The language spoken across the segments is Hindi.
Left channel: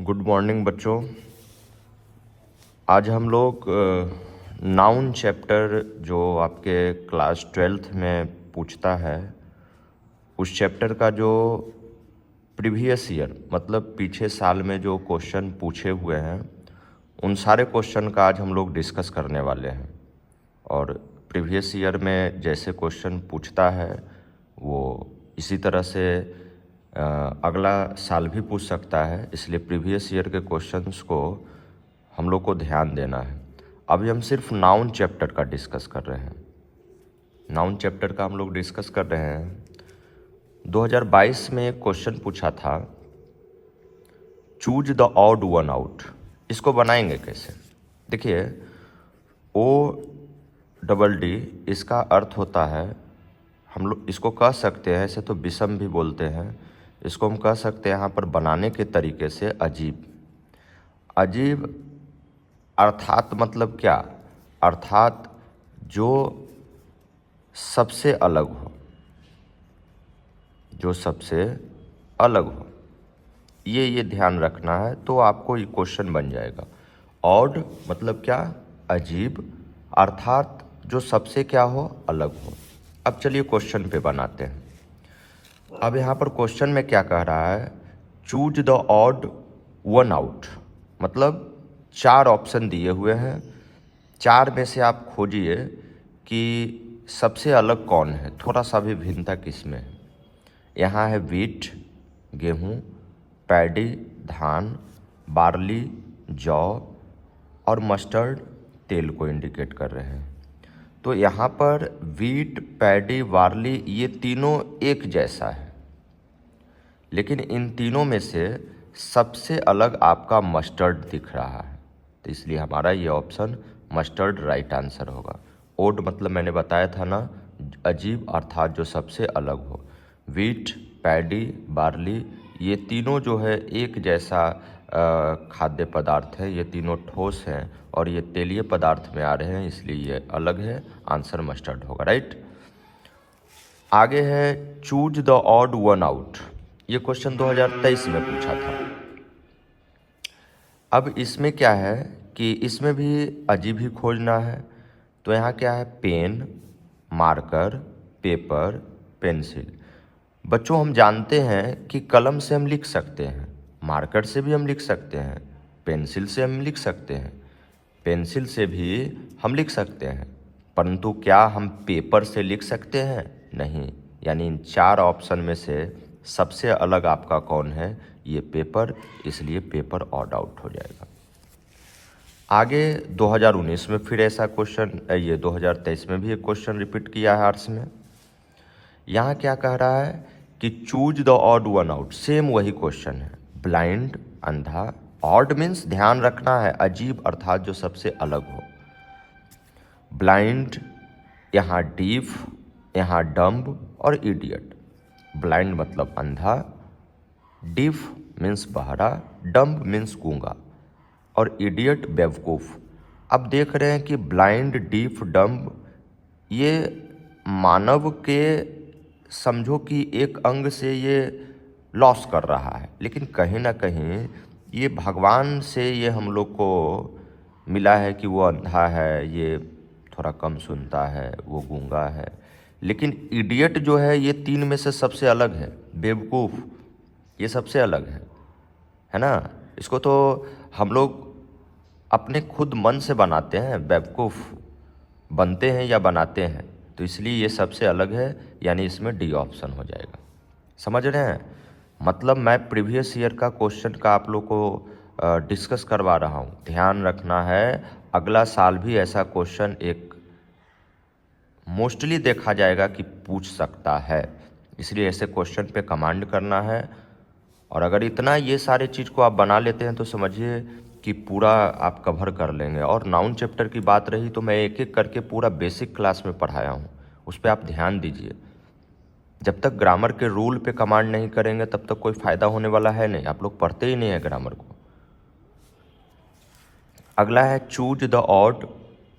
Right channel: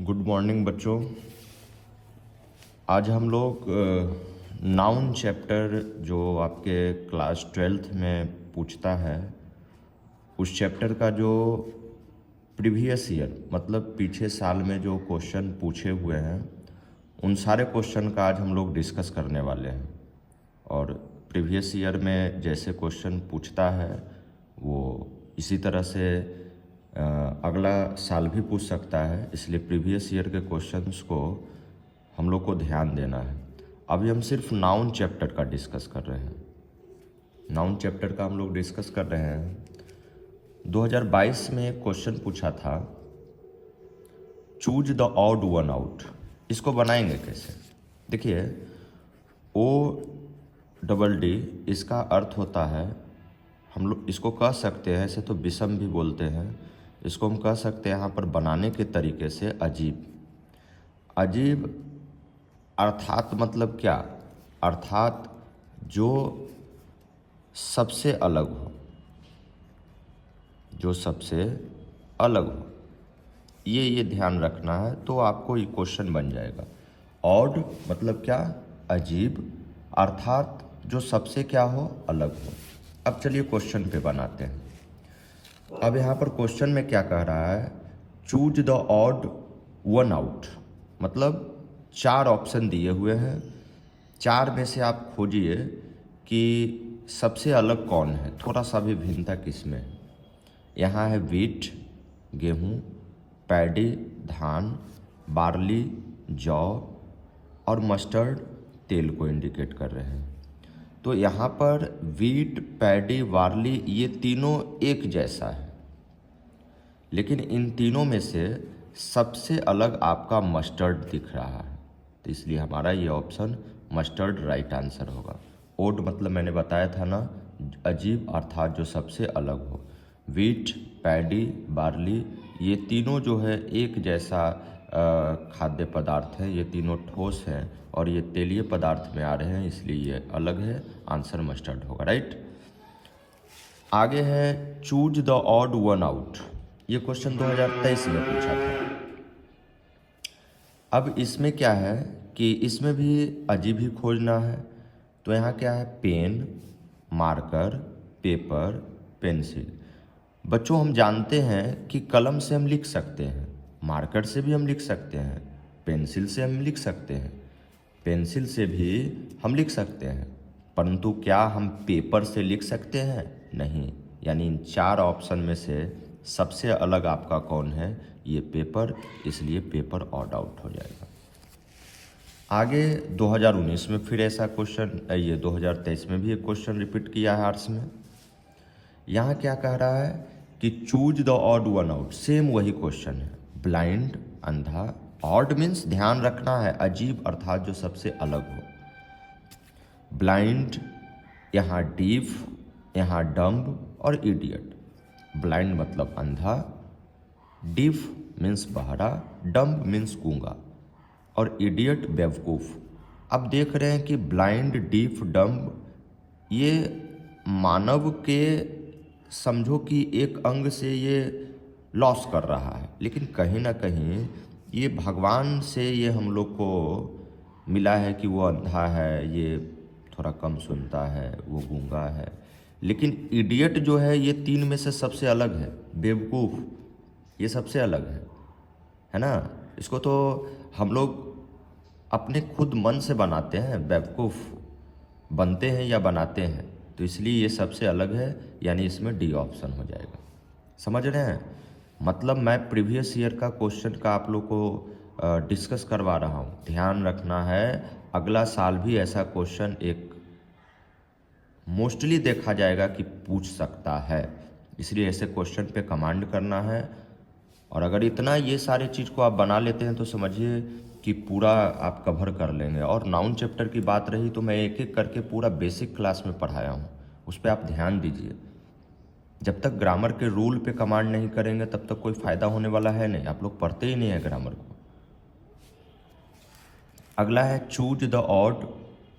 गुड मॉर्निंग बच्चों। आज हम लोग नाउन चैप्टर जो आपके क्लास 12th में पूछता है उस चैप्टर का जो प्रीवियस ईयर मतलब पीछे साल में जो क्वेश्चन पूछे हुए हैं उन सारे क्वेश्चन का आज हम लोग डिस्कस करने वाले हैं। और प्रीवियस ईयर में जैसे क्वेश्चन पूछता है वो इसी तरह से अगला साल भी पूछ सकता है, इसलिए प्रीवियस ईयर के क्वेश्चंस को हम लोग को ध्यान देना है। अभी हम सिर्फ नाउन चैप्टर का डिस्कस कर रहे हैं। नाउन चैप्टर का हम लोग डिस्कस कर रहे हैं। 2022 में एक क्वेश्चन पूछा था, choose the odd one out. इसको बनाएंगे कैसे? देखिए, ODD इसका अर्थ होता है, हम लोग इसको कह सकते हैं, ऐसे तो विषम भी बोलते हैं, इसको हम कह सकते हैं यहाँ पर बनाने के तरीके से अजीब। अजीब अर्थात मतलब क्या? अर्थात जो सबसे अलग हो, जो सबसे अलग हो, ये ध्यान रखना है तो आपको ये क्वेश्चन बन जाएगा। ऑड मतलब क्या? अजीब, अर्थात जो सबसे क्या हो, अलग हो। अब चलिए क्वेश्चन पे बनाते हैं। अब यहाँ पर क्वेश्चन में क्या कह रहा है, choose the odd one out, मतलब 4 ऑप्शन दिए हुए हैं, 4 में से आप खोजिए कि सबसे अलग कौन है, थोड़ा सा भी भिन्नता किसमें है। यहाँ है वीट गेहूँ, पैडी धान, बार्ली जौ और मस्टर्ड तेल को इंडिकेट कर रहे हैं। तो यहाँ पर वीट, पैडी, बार्ली ये तीनों एक जैसा है, लेकिन इन तीनों में से सबसे अलग आपका मस्टर्ड दिख रहा है, तो इसलिए हमारा ये ऑप्शन मस्टर्ड राइट आंसर होगा। ओड मतलब मैंने बताया था ना, अजीब अर्थात जो सबसे अलग हो। वीट, पैडी, बार्ली ये तीनों जो है एक जैसा खाद्य पदार्थ है, ये तीनों ठोस हैं और ये तेलीय पदार्थ में आ रहे हैं, इसलिए ये अलग है। आंसर मस्टर्ड होगा, राइट। आगे है choose the odd one out. ये क्वेश्चन 2023 में पूछा था। अब इसमें क्या है कि इसमें भी अजीब ही खोजना है। तो यहाँ क्या है, पेन, मार्कर, पेपर, पेंसिल। बच्चों हम जानते हैं कि कलम से हम लिख सकते हैं, मार्कर से भी हम लिख सकते हैं, पेंसिल से हम लिख सकते हैं, पेंसिल से भी हम लिख सकते हैं, परंतु क्या हम पेपर से लिख सकते हैं? नहीं। यानी इन 4 ऑप्शन में से सबसे अलग आपका कौन है? ये पेपर, इसलिए पेपर ऑड आउट हो जाएगा। आगे 2019 में फिर ऐसा क्वेश्चन, ये 2023 में भी एक क्वेश्चन रिपीट किया है आर्ट्स में। यहाँ क्या कह रहा है कि choose the odd one out, same वही क्वेश्चन है। ब्लाइंड अंधा, ऑड मीन्स ध्यान रखना है अजीब अर्थात जो सबसे अलग हो। ब्लाइंड, यहाँ डीफ, यहाँ डम्ब और इडियट। ब्लाइंड मतलब अंधा, डीफ मीन्स बहरा, डम्ब मीन्स गूंगा और इडियट बेवकूफ़। अब देख रहे हैं कि ब्लाइंड, डीफ, डम्ब ये मानव के समझो कि एक अंग से ये लॉस कर रहा है, लेकिन कहीं ना कहीं ये भगवान से ये हम लोग को मिला है कि वो अंधा है, ये थोड़ा कम सुनता है, वो गूंगा है। लेकिन इडियट जो है ये 3 में से सबसे अलग है। बेवकूफ़ ये सबसे अलग है ना। इसको तो हम लोग अपने खुद मन से बनाते हैं, बेवकूफ़ बनते हैं या बनाते हैं, तो इसलिए ये सबसे अलग है, यानी इसमें डी ऑप्शन हो जाएगा। समझ रहे हैं? मतलब मैं प्रीवियस ईयर का क्वेश्चन का आप लोग को डिस्कस करवा रहा हूँ, ध्यान रखना है। अगला साल भी ऐसा क्वेश्चन एक मोस्टली देखा जाएगा कि पूछ सकता है, इसलिए ऐसे क्वेश्चन पे कमांड करना है। और अगर इतना ये सारे चीज़ को आप बना लेते हैं तो समझिए कि पूरा आप कवर कर लेंगे। और नाउन चैप्टर की बात रही तो मैं एक एक करके पूरा बेसिक क्लास में पढ़ाया हूँ, उस पर आप ध्यान दीजिए। जब तक ग्रामर के रूल पे कमांड नहीं करेंगे तब तक कोई फ़ायदा होने वाला है नहीं, आप लोग पढ़ते ही नहीं है ग्रामर को। अगला है choose the odd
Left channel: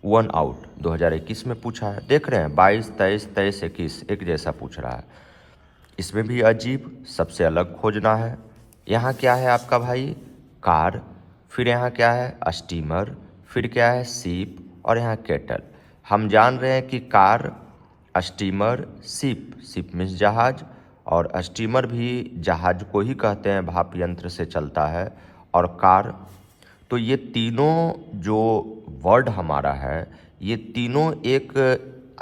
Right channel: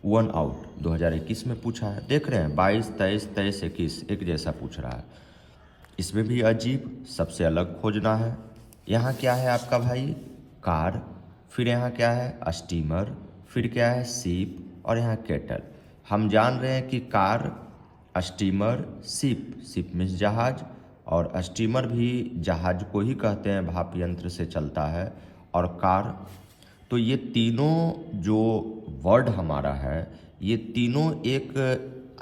one out, 2021 में पूछा है। देख रहे हैं 22, 23, 23, 21 एक जैसा पूछ रहा है। इसमें भी अजीब, सबसे अलग खोजना है। यहाँ क्या है आपका भाई, कार, फिर यहाँ क्या है स्टीमर, फिर क्या है सीप और यहाँ केटल। हम जान रहे हैं कि car, steamer, ship, ship means जहाज, और स्टीमर भी जहाज को ही कहते हैं, भाप यंत्र से चलता है, और कार। तो ये तीनों जो वर्ड हमारा है, ये तीनों एक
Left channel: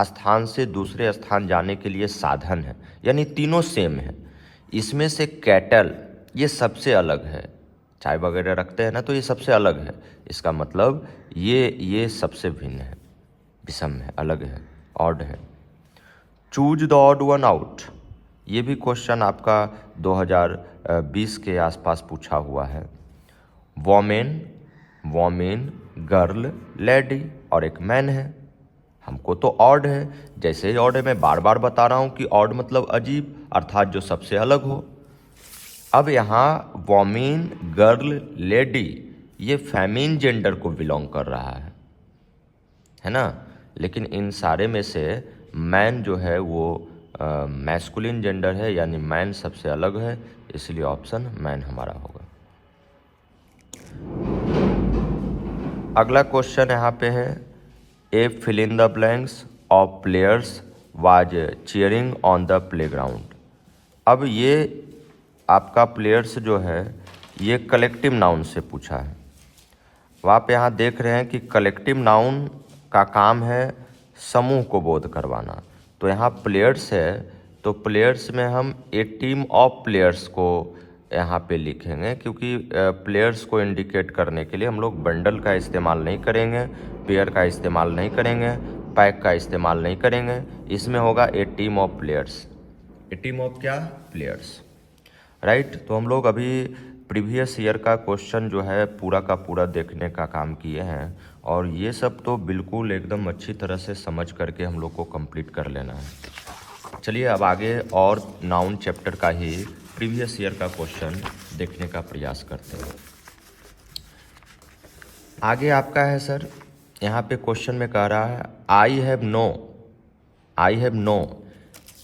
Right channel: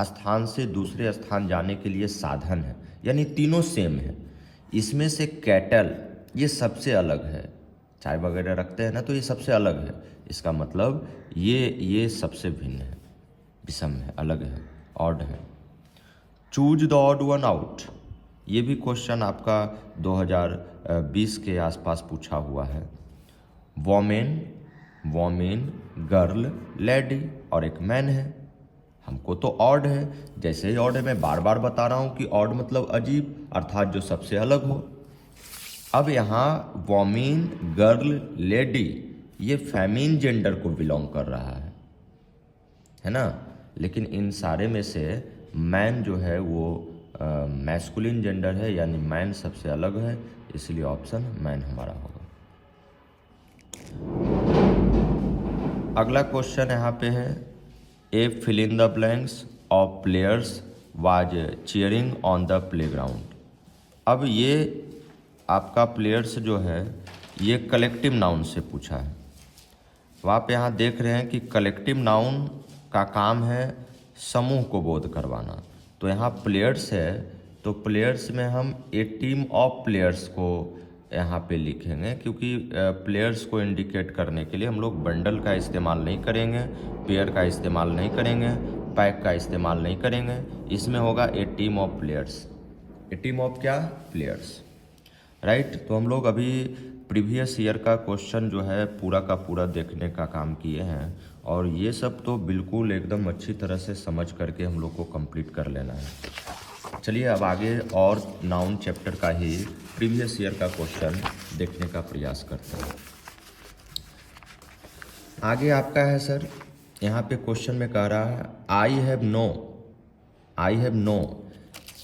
स्थान से दूसरे स्थान जाने के लिए साधन है, यानी तीनों सेम है। इसमें से कैटल ये सबसे अलग है, चाय वगैरह रखते हैं ना, तो ये सबसे अलग है। इसका मतलब ये सबसे भिन्न है, विषम है, अलग है, ऑड है। Choose the odd one out, ये भी क्वेश्चन आपका 2020 के आसपास पूछा हुआ है। वोमेन, वोमेन, गर्ल, लेडी और एक मैन है। हमको तो ऑड है, जैसे ही ऑड है, मैं बार बार बता रहा हूँ कि ऑड मतलब अजीब, अर्थात जो सबसे अलग हो। अब यहाँ वोमेन, गर्ल, लेडी ये फेमिन जेंडर को बिलोंग कर रहा है ना, लेकिन इन सारे में से मैन जो है वो मैस्कुलिन जेंडर है, यानी मैन सबसे अलग है, इसलिए ऑप्शन मैन हमारा होगा। अगला क्वेश्चन यहाँ पे है, a fill in the blanks of players was cheering on the playground. अब ये आपका प्लेयर्स जो है ये कलेक्टिव नाउन से पूछा है। तो आप यहाँ देख रहे हैं कि कलेक्टिव नाउन का काम है समूह को बोध करवाना। तो यहाँ प्लेयर्स है, तो प्लेयर्स में हम ए टीम ऑफ प्लेयर्स को यहाँ पे लिखेंगे, क्योंकि प्लेयर्स को इंडिकेट करने के लिए हम लोग बंडल का इस्तेमाल नहीं करेंगे, पेयर का इस्तेमाल नहीं करेंगे, पैक का इस्तेमाल नहीं करेंगे। इसमें होगा a team of players, a team of क्या, प्लेयर्स, राइट। तो हम लोग अभी प्रीवियस ईयर का क्वेश्चन जो है पूरा का पूरा देखने का काम किए हैं, और ये सब तो बिल्कुल एकदम अच्छी तरह से समझ करके हम लोग को कंप्लीट कर लेना है। चलिए अब आगे और नाउन चैप्टर का ही प्रीवियस ईयर का क्वेश्चन देखने का प्रयास करते हैं। आगे आपका है सर, यहाँ पे क्वेश्चन में कह रहा है I have no, I have no.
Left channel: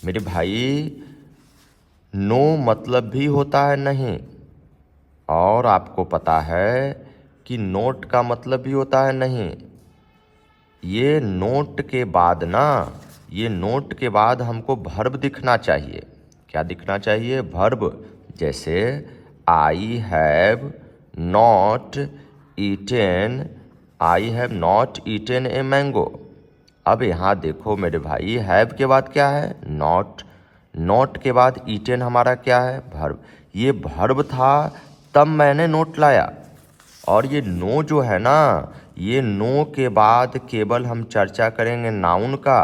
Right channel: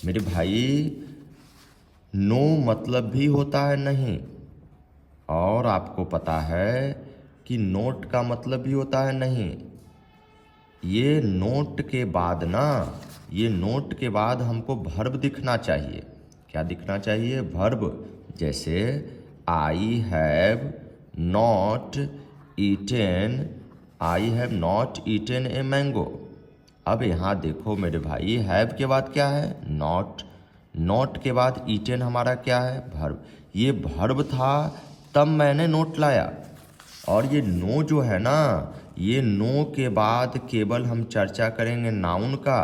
मेरे भाई नो मतलब भी होता है नहीं, और आपको पता है कि नोट का मतलब भी होता है नहीं। ये नोट के बाद ना, ये नोट के बाद हमको वर्ब दिखना चाहिए। क्या दिखना चाहिए, वर्ब। जैसे I have not eaten, I have not eaten a mango. अब यहाँ देखो मेरे भाई, हैव के बाद क्या है, नॉट, नोट के बाद ईटेन हमारा क्या है, वर्ब। ये वर्ब था तब मैंने नोट लाया, और ये नो जो है ना, ये नो के बाद केवल हम चर्चा करेंगे नाउन का।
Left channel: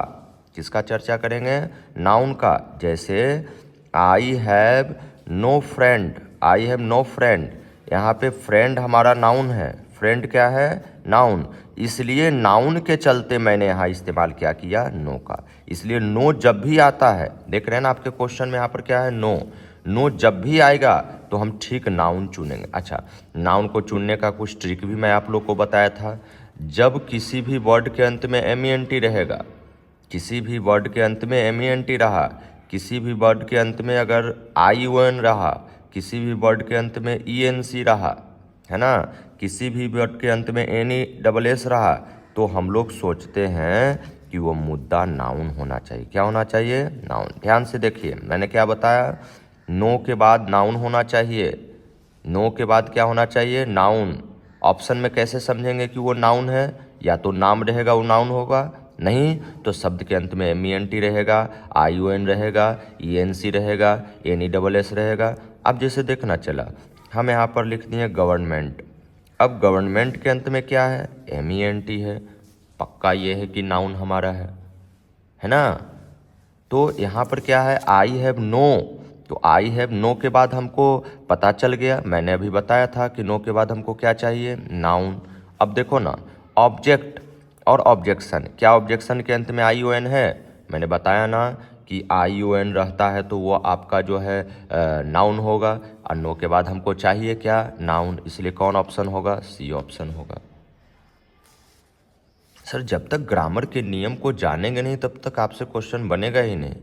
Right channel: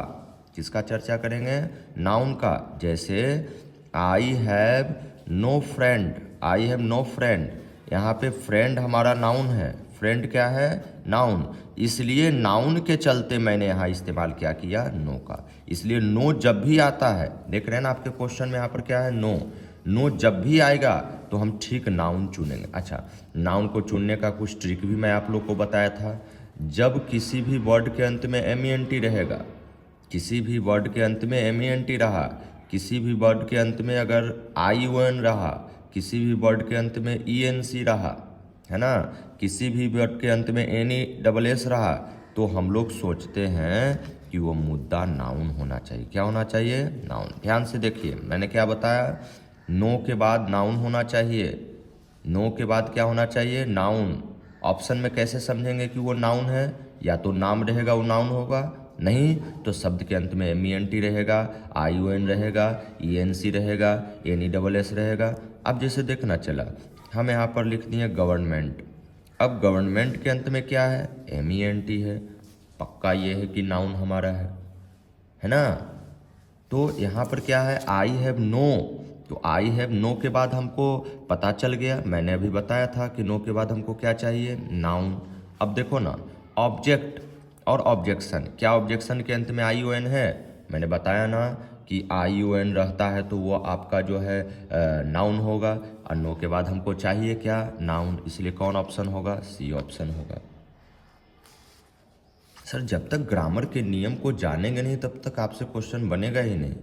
किसका चर्चा करेंगे, नाउन का। जैसे I have no friend, I have no friend, यहाँ पे फ्रेंड हमारा नाउन है, फ्रेंड क्या है, नाउन, इसलिए नाउन के चलते मैंने यहाँ इस्तेमाल क्या किया, नो का। इसलिए नो जब भी आता है, देख रहे हैं ना आपके क्वेश्चन में यहाँ पर क्या है, नो। नो जब भी आएगा तो हम ठीक नाउन चुनेंगे। अच्छा, नाउन को चुनने का कुछ ट्रिक भी मैं आप लोग को बताया था। जब किसी भी वर्ड के अंत में MENT रहेगा, किसी भी वर्ड के अंत में MENT रहा, किसी भी वर्ड के अंत में अगर ION रहा, किसी भी वर्ड के अंत में ENC रहा, है ना, किसी भी वर्ड के अंत में NESS रहा, तो हम लोग सोचते हैं कि वो मुद्दा नाउन होना चाहिए। क्या होना चाहिए, नाउन। ध्यान से देखिए, मैंने क्या बताया, नो के बाद नाउन होना चाहिए, नो के बाद क्या होना चाहिए, नाउन। ऑप्शन में कैसे समझेंगे कि वो नाउन है, या तो नाम रहेगा वो नाउन होगा, नहीं तो शब्द के अंत में MENT रहेगा, ION रहेगा, ENC रहेगा, NESS रहेगा। अब जैसे देखना चला, हम यहाँ पर लिख दिए गवर्नमेंट। अब गवर्नमेंट के अंत में क्या है, MENT है, पक्का ये है कि नाउन हमारा है ना। तो यहाँ पर क्या है, आई हैव नो, तो आई हैव नो के बाद हमको पता चल गया, मैंने अभी बताया था कि नो के बाद हमको क्या चाहिए, नाउन। अब देखो ना, ऑब्जेक्ट और ऑब्जेक्शन, क्या ऑब्जेक्शन के अंत में ION है, मैंने बताया ना कि ION रहता है तो वो आपका जो है नाउन होगा, और नो के बाद हमको चाहिए क्या, नाउन, इसलिए कौन ऑप्शन होगा, C ऑप्शन होगा। सर जब तक ग्रामर के नियम को जानेंगे नहीं तब तक आपसे क्वेश्चन बनेगा ही नहीं।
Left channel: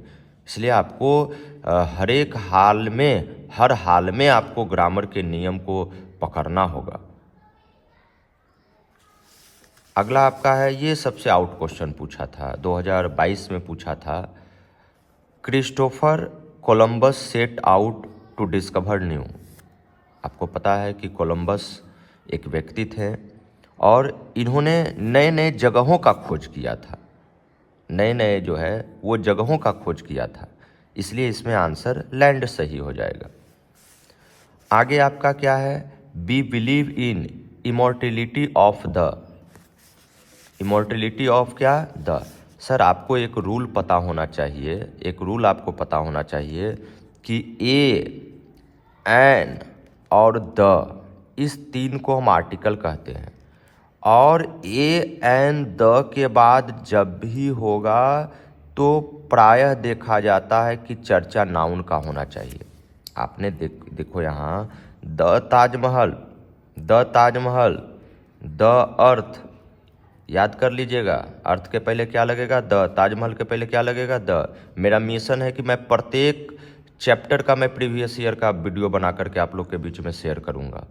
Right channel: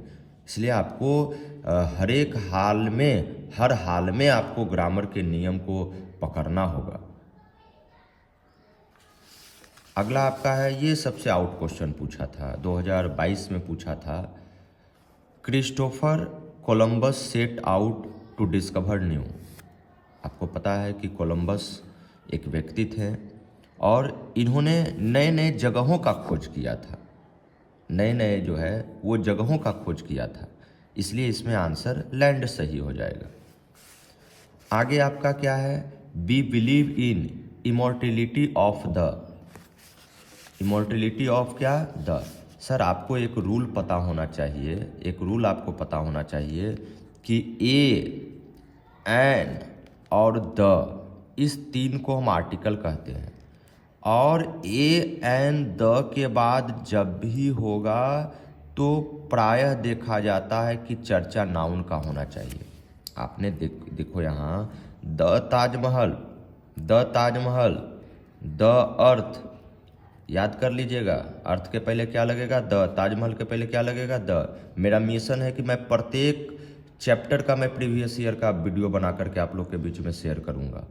इसलिए आपको हर एक हाल में, हर हाल में आपको ग्रामर के नियम को पकड़ना होगा। अगला आपका है, ये सबसे आउट क्वेश्चन पूछा था, 2022 में पूछा था। Christopher Columbus set out to discover new. आपको पता है कि कोलंबस एक व्यक्ति थे और इन्होंने नए नए जगहों का खोज किया था, नए नए जो है वो जगहों का खोज किया था, इसलिए इसमें आंसर लैंड सही हो जाएगा। आगे आपका क्या है, be believe in immortality of the, immortality of क्या, द। सर आपको एक रूल पता होना चाहिए, एक रूल आपको पता होना चाहिए कि ए, एंड और द, इस तीन को हम आर्टिकल कहते हैं, और ए एंड द के बाद जब भी होगा तो प्रायः देखा जाता है कि चर्चा नाउन का होना चाहिए। आपने देखो यहाँ, the Taj Mahal, the Taj Mahal, the earth, याद कर लीजिएगा, अर्थ के पहले क्या लगेगा, द, ताजमहल के पहले क्या लगेगा, द। मेरा मिशन है कि मैं प्रत्येक चैप्टर का मैं प्रीवियस ईयर का वीडियो बना करके आप लोग के बीच में शेयर करूंगा,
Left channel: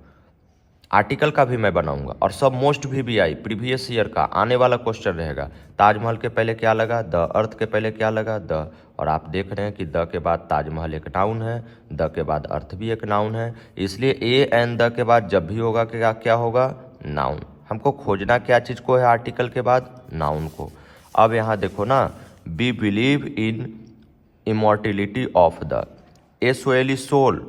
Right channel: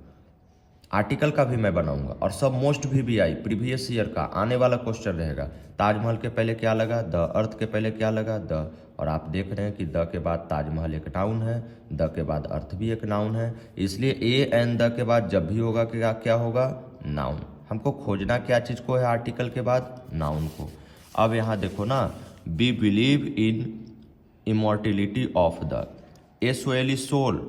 आर्टिकल का भी मैं बनाऊंगा, और सब मोस्ट भी आई प्रीवियस ईयर का आने वाला क्वेश्चन रहेगा। ताजमहल के पहले क्या लगा, द, अर्थ के पहले क्या लगा, द, और आप देख रहे हैं कि द के बाद ताजमहल एक नाउन है, द के बाद अर्थ भी एक नाउन है, इसलिए ए एंड द के बाद जब भी होगा क्या क्या होगा, नाउन। हमको खोजना क्या चीज़ को है, आर्टिकल के बाद नाउन को। अब यहाँ देखो ना, be believe in immortality of the, एसोएली सोल,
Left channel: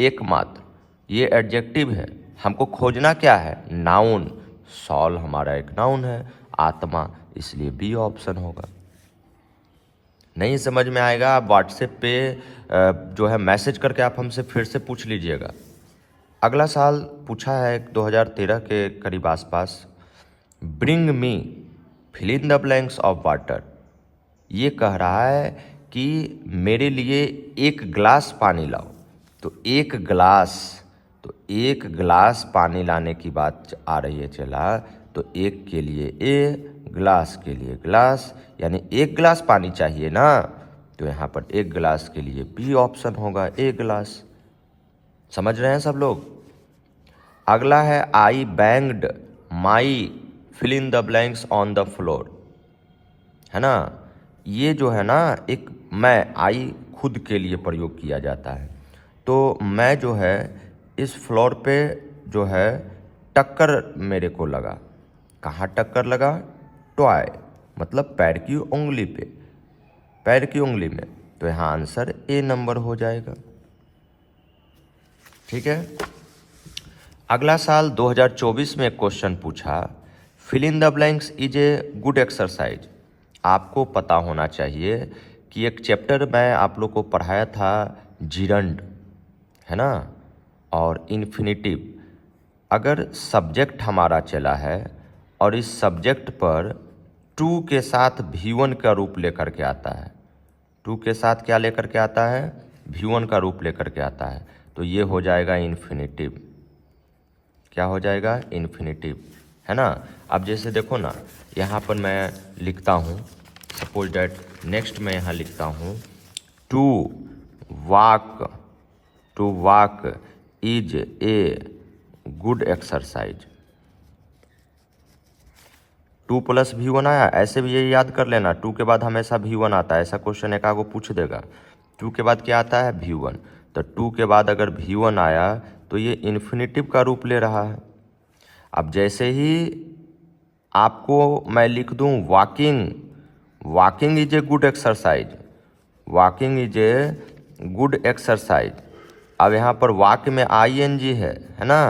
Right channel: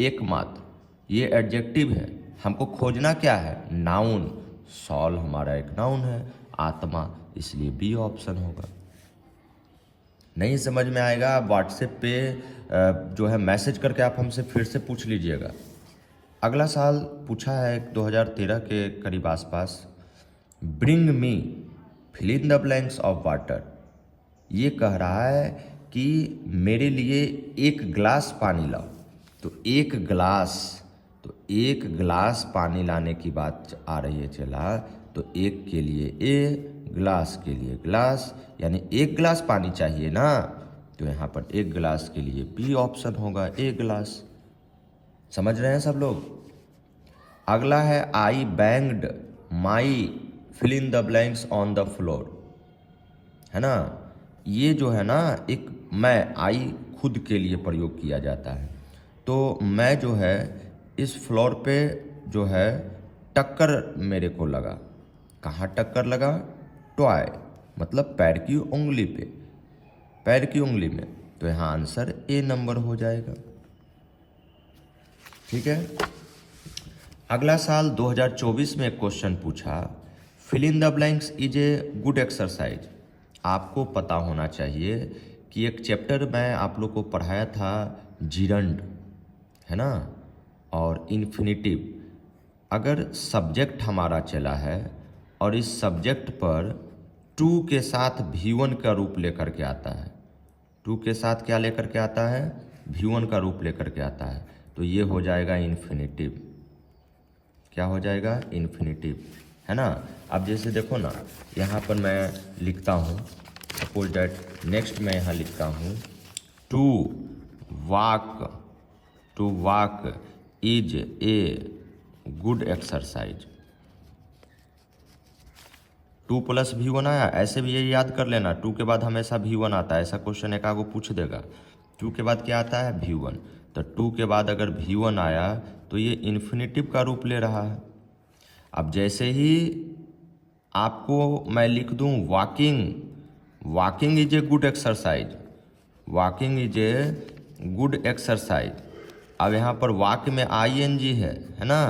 एकमात्र, ये एडजेक्टिव है, हमको खोजना क्या है, नाउन। सॉल हमारा एक नाउन है, आत्मा, इसलिए बी ऑप्शन होगा। नहीं समझ में आएगा आप व्हाट्सएप पे जो है मैसेज करके आप हमसे फिर से पूछ लीजिएगा। अगला साल पूछा है 2013 के करीब आसपास, bring me fill in the blanks of water. ये कह रहा है कि मेरे लिए एक गिलास पानी लाओ, तो एक गिलास, तो एक गिलास पानी लाने की बात आ रही है, चला तो एक के लिए ए, गिलास के लिए गिलास, यानी एक गिलास पानी चाहिए ना, तो यहाँ पर एक गिलास के लिए बी ऑप्शन होगा, एक गिलास। समझ रहे हैं सब लोग। अगला है, I banged my fill in the blanks on the floor, है ना। ये जो है ना, एक मैं, आई खुद के लिए प्रयोग किया जाता है, तो मैं जो है इस फ्लोर पे जो है टक्कर मेरे को लगा, कहाँ टक्कर लगा, टॉय, मतलब पैर की उंगली पे, पैर की उंगली में, तो यहाँ आंसर ए नंबर हो जाएगा। ठीक है। अगला साल 2024 में एक क्वेश्चन पूछा, fill in the blanks is a good exercise. आपको पता होना चाहिए कि एक चैप्टर में आप लोग को पढ़ाया था जिरंड, है ना, और इन्फिनिटिव। अगर सब्जेक्ट हमारा चला है और इस सब्जेक्ट पर टू के साथ V1 का रूप लेकर के आता है, टू के साथ क्या लेकर के आता है, V1 का रूप लेकर के आता है, तो ये हो जाएगा इन्फिनिटिव। क्या हो जाएगा, इन्फिनिटिव, है ना। अब जैसे देखो ना, यहाँ पर मैं लिखता हूँ, सपोज डैट, नेक्स्ट मैं यहाँ लिखता हूँ, to walk, to walk is a good exercise. 2 + V1 आया, ऐसे भी ये याद कर लेना, 2 के बाद हमेशा V1 आता है, ऐसा क्वेश्चन एक आगो पूछ देगा। 2 के बाद क्या आता है, V1, तो 2 के बाद अगर V1 आया तो ये इन्फिनिटिव का रूप ले रहा है। अब जैसे ही आपको मैं लिख दूं walking, walking is a good exercise, walking is a good exercise. अब यहाँ पर वॉक में ING है ना,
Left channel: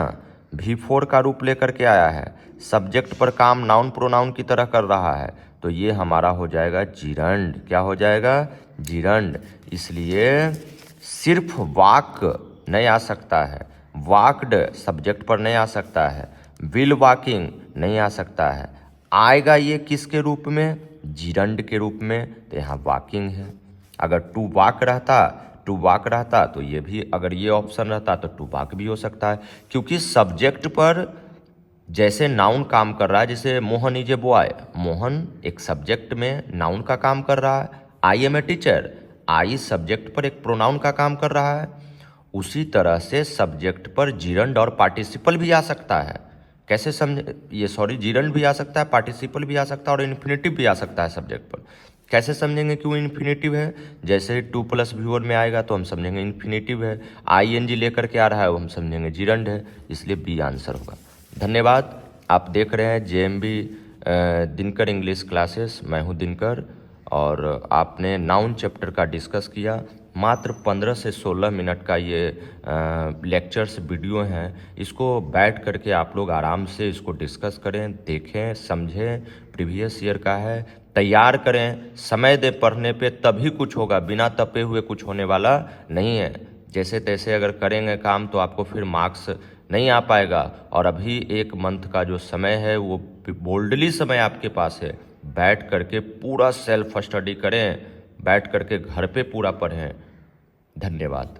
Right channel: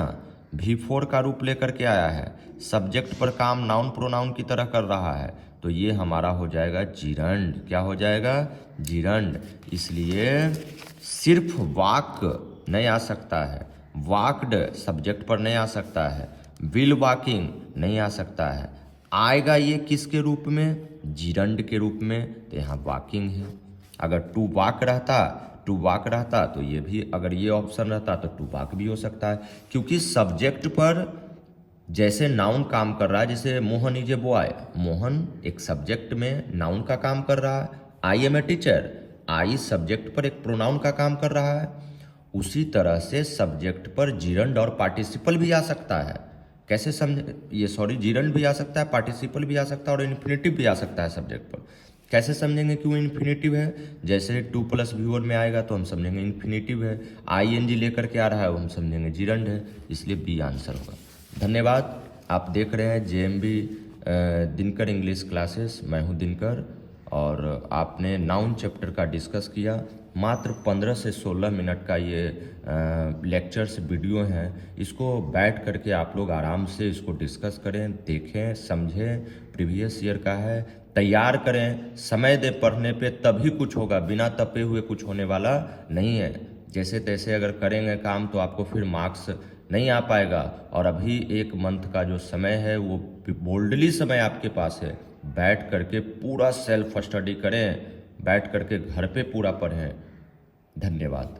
V4 का रूप लेकर के आया है, सब्जेक्ट पर काम नाउन प्रोनाउन की तरह कर रहा है, तो ये हमारा हो जाएगा जिरंड। क्या हो जाएगा, जिरंड। इसलिए सिर्फ वॉक नहीं आ सकता है, वॉक्ड सब्जेक्ट पर नहीं आ सकता है, विल वॉकिंग नहीं आ सकता है, आएगा ये किसके रूप में, जिरंड के रूप में, तो यहाँ वॉकिंग है। अगर टू वॉक रहता, टू वॉक रहता तो ये भी, अगर ये ऑप्शन रहता तो टू वॉक भी हो सकता है, क्योंकि सब्जेक्ट पर जैसे नाउन काम कर रहा है, जैसे Mohan is a boy, Mohan एक सब्जेक्ट में नाउन का काम कर रहा है, I am a teacher, I subject पर एक प्रोनाउन का काम कर रहा है, उसी तरह से सब्जेक्ट पर जिरंड और पार्टिसिपल भी आ सकता है। कैसे समझे ये, सॉरी, जिरंड भी आ सकता है, पार्टिसिपल भी आ सकता है और इन्फिनेटिव भी आ सकता है सब्जेक्ट पर। कैसे समझेंगे क्यों इन्फिनेटिव है? जैसे 2+V1 में आएगा तो हम समझेंगे इन्फिनेटिव है, ING लेकर के आ रहा है वो हम समझेंगे जिरंड है, इसलिए बी आंसर होगा। धन्यवाद। आप देख रहे हैं JMB दिनकर इंग्लिश क्लासेस। मैं हूं दिनकर और आपने नाउन चैप्टर का डिस्कस किया। मात्र 15 से 16 मिनट का ये लेक्चर्स वीडियो हैं, इसको बैठ करके आप लोग आराम से इसको डिस्कस करें, देखें, समझें। प्रीवियस ईयर का है, तैयार करें, समय दे पढ़ने पे, तभी कुछ होगा। बिना तपे हुए कुछ होने वाला नहीं है। जैसे तैसे अगर करेंगे काम तो आपको फिर मार्क्स नहीं आ पाएगा। और अभी 1 मंथ का जो समय है वो बोल्डली समय आपके पास है। बैठ करके पूरा सेल्फ स्टडी करें, बैठ करके घर पे पूरा पढ़ें। धन्यवाद।